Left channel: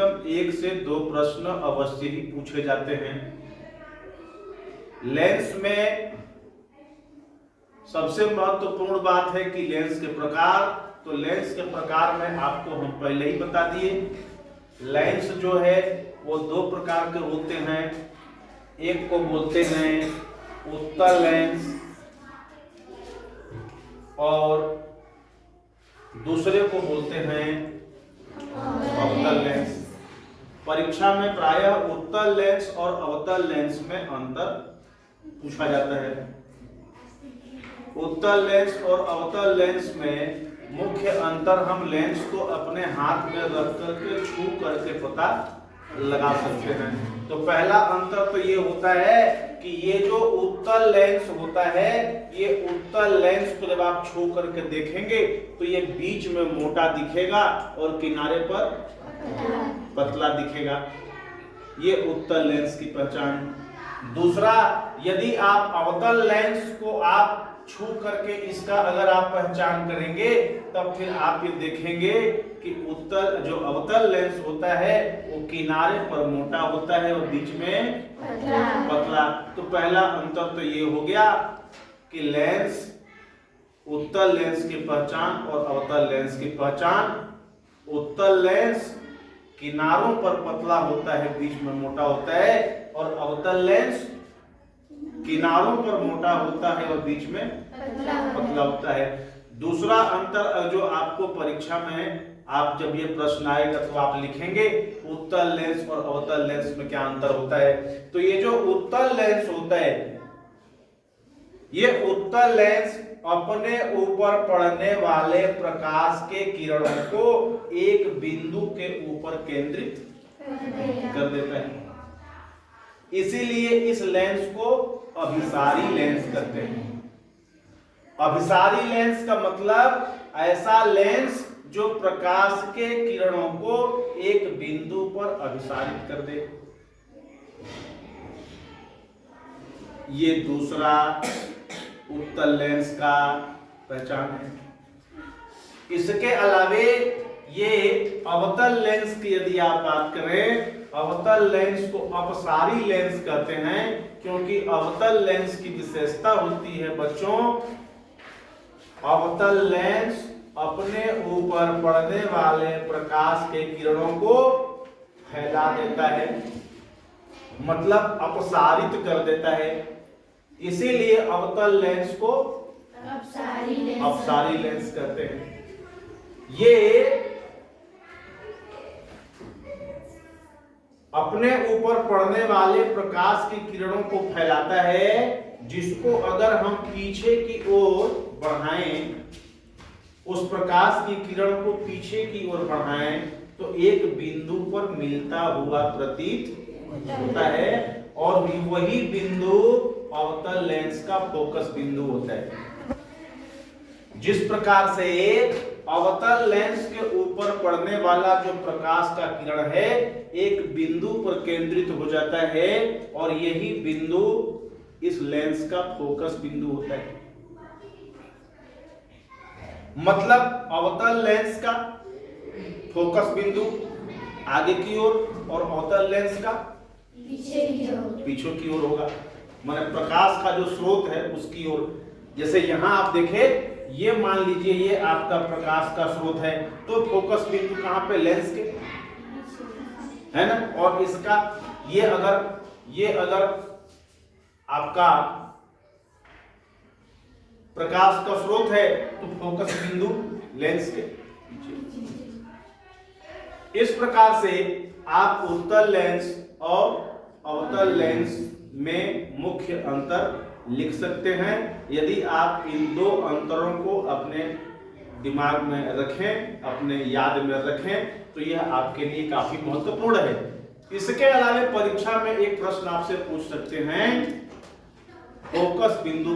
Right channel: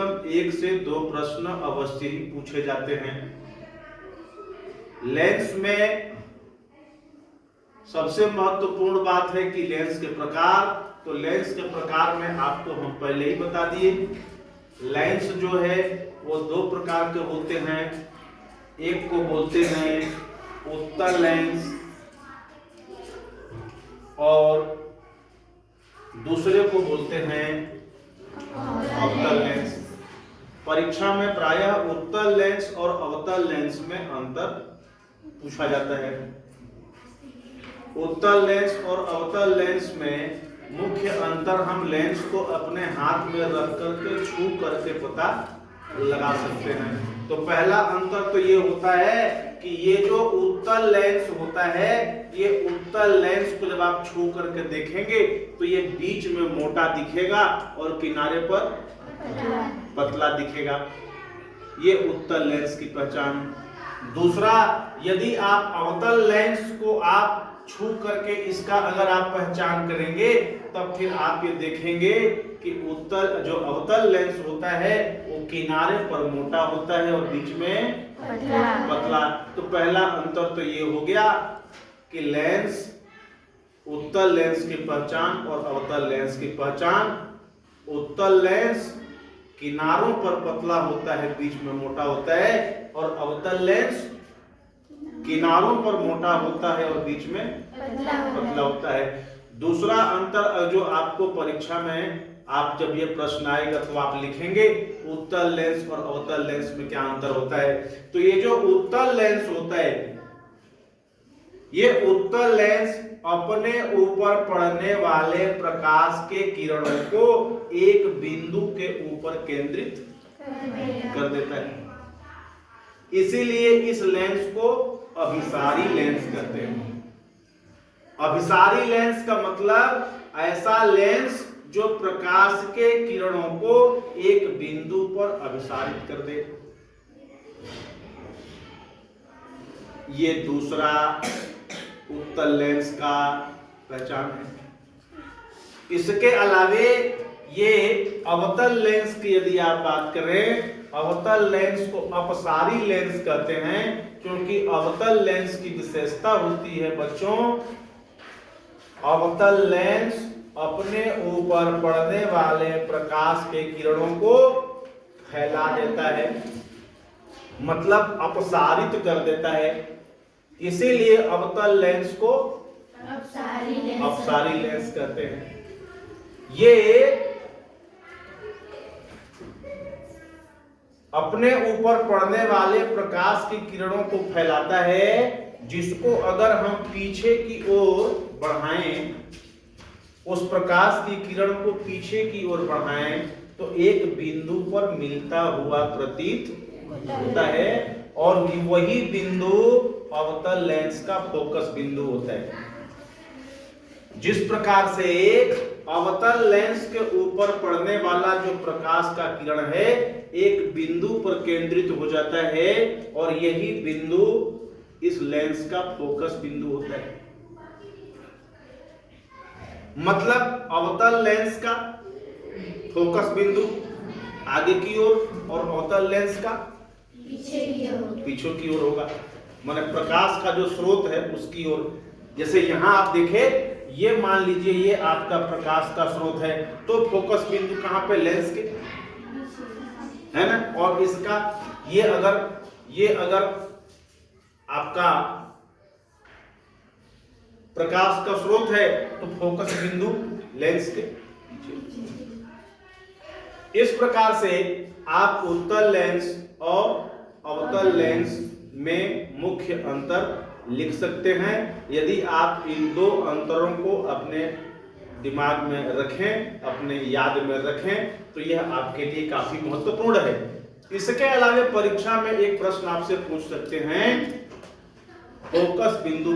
कम 1 से 2 प्रश्न अवश्य ही पूछे जाते हैं। लेंस में सबसे महत्वपूर्ण बात है कि लेंस के प्रकार। तो लेंस के प्रकार में आपको हम पहले ही बता दिए, लेंस जो है वो 2 प्रकार के होते हैं। एक को बोलते हैं उत्तल लेंस और दूसरे को बोलते हैं अवतल लेंस। परीक्षा में प्रायः उत्तल लेंस और अवतल लेंस में अंतर पूछा जाता है। उत्तल लेंस और अवतल लेंस में मुख्य अंतर हम लेंस को अपने हाथ में रख करके छू करके पता लगा सकते हैं। तो पहला अंतर तो ये होता है कि ये जो उत्तल लेंस होता है, ये उत्तल लेंस को जब आप छू करके देखेंगे तो ये बीच में मोटा दिखेगा और किनारे पर पतला दिखेगा। ये उत्तल लेंस की पहचान। दूसरा, यदि आप अवतल लेंस को आप छू करके इसका अगर आप पहचान करेंगे तब फिर आप ये देखेंगे कि जो अवतल लेंस होता है वो किनारे पर मोटा होता है और बीच में पतला। तो पहला अंतर तो ये हो गया कि लेंस, उत्तल लेंस की पहचान और अवतल लेंस की पहचान। उत्तल लेंस किनारों पर पतला होता है, बीच में मोटा होता है, और अवतल लेंस किनारों पर मोटा होता है और बीच में पतला होता है। दूसरा अंतर जो आपको परीक्षा में आप जब ये प्रश्न आएगा तो आप लिखेंगे उत्तल लेंस और अवतल लेंस में क्या अंतर होता है। तो ये जो उत्तल लेंस होता है, ये उत्तल लेंस अपने ऊपर पड़ने वाले प्रकाश के किरणों को एक बिंदु के ऊपर केंद्रित कर देता है। इसीलिए इस लेंस को अभिसारी लेंस कहते हैं। अभिसारी लेंस का मतलब ऐसा लेंस जो प्रकाश के किरणों को एक बिंदु पर अभिसारित कर दे। ये दूसरा उत्तल लेंस का पहचान है। इसके अलावे ये अवतल लेंस की यदि आप बात करें, अवतल लेंस को अपसारी लेंस कहते हैं, क्योंकि अवतल लेंस की विशेषता होती है बच्चों, अवतल लेंस अपने ऊपर पड़ने वाले प्रकाश के किरणों को फैला देता है, मतलब अपसारित कर देता है। इसीलिए अवतल लेंस को अपसारी लेंस कहते हैं। ये अपने ऊपर पड़ने वाले प्रकाश की किरणों को फैलाता है, जिसको अगर हम पीछे की ओर बढ़ाएं, उस प्रकाश की किरण को पीछे की ओर बढ़ाएं तो एक बिंदु पर मिलता हुआ प्रतीत होता है, और वही बिंदु अवतल लेंस का फोकस बिंदु होता है। जिस प्रकार से अवतल लेंस के ऊपर पड़ने वाला जो प्रकाश का किरण है एक बिंदु पर केंद्रित हो जाता है, और यही बिंदु इस लेंस का फोकस बिंदु होता है। मतलब अवतल लेंस का फोकस बिंदु आगे की ओर और अवतल लेंस का पीछे की ओर होगा, माने प्रकाश का जो स्रोत है उसकी ओर। जैसे यहां आप देखें, ये मान लीजिए ये आपका प्रकाश का स्रोत है, तो फोकस बिंदु कहां पे, लेंस के, है ना। और इसका ये अगर आपका प्रकाश का स्रोत है तो फोकस बिंदु लेंस के पीछे। इस प्रकार से आप उत्तल लेंस और अवतल लेंस में मुख्य अंतर लिख सकते हैं। यदि आप इन दो अंतरों को अपने दिमाग में रखें, अपने याद में रखें, तो यह आपके लिए काफी महत्वपूर्ण है। इसके अलावा परीक्षा में एक प्रश्न आपसे पूछ सकते हैं, फोकस बिंदु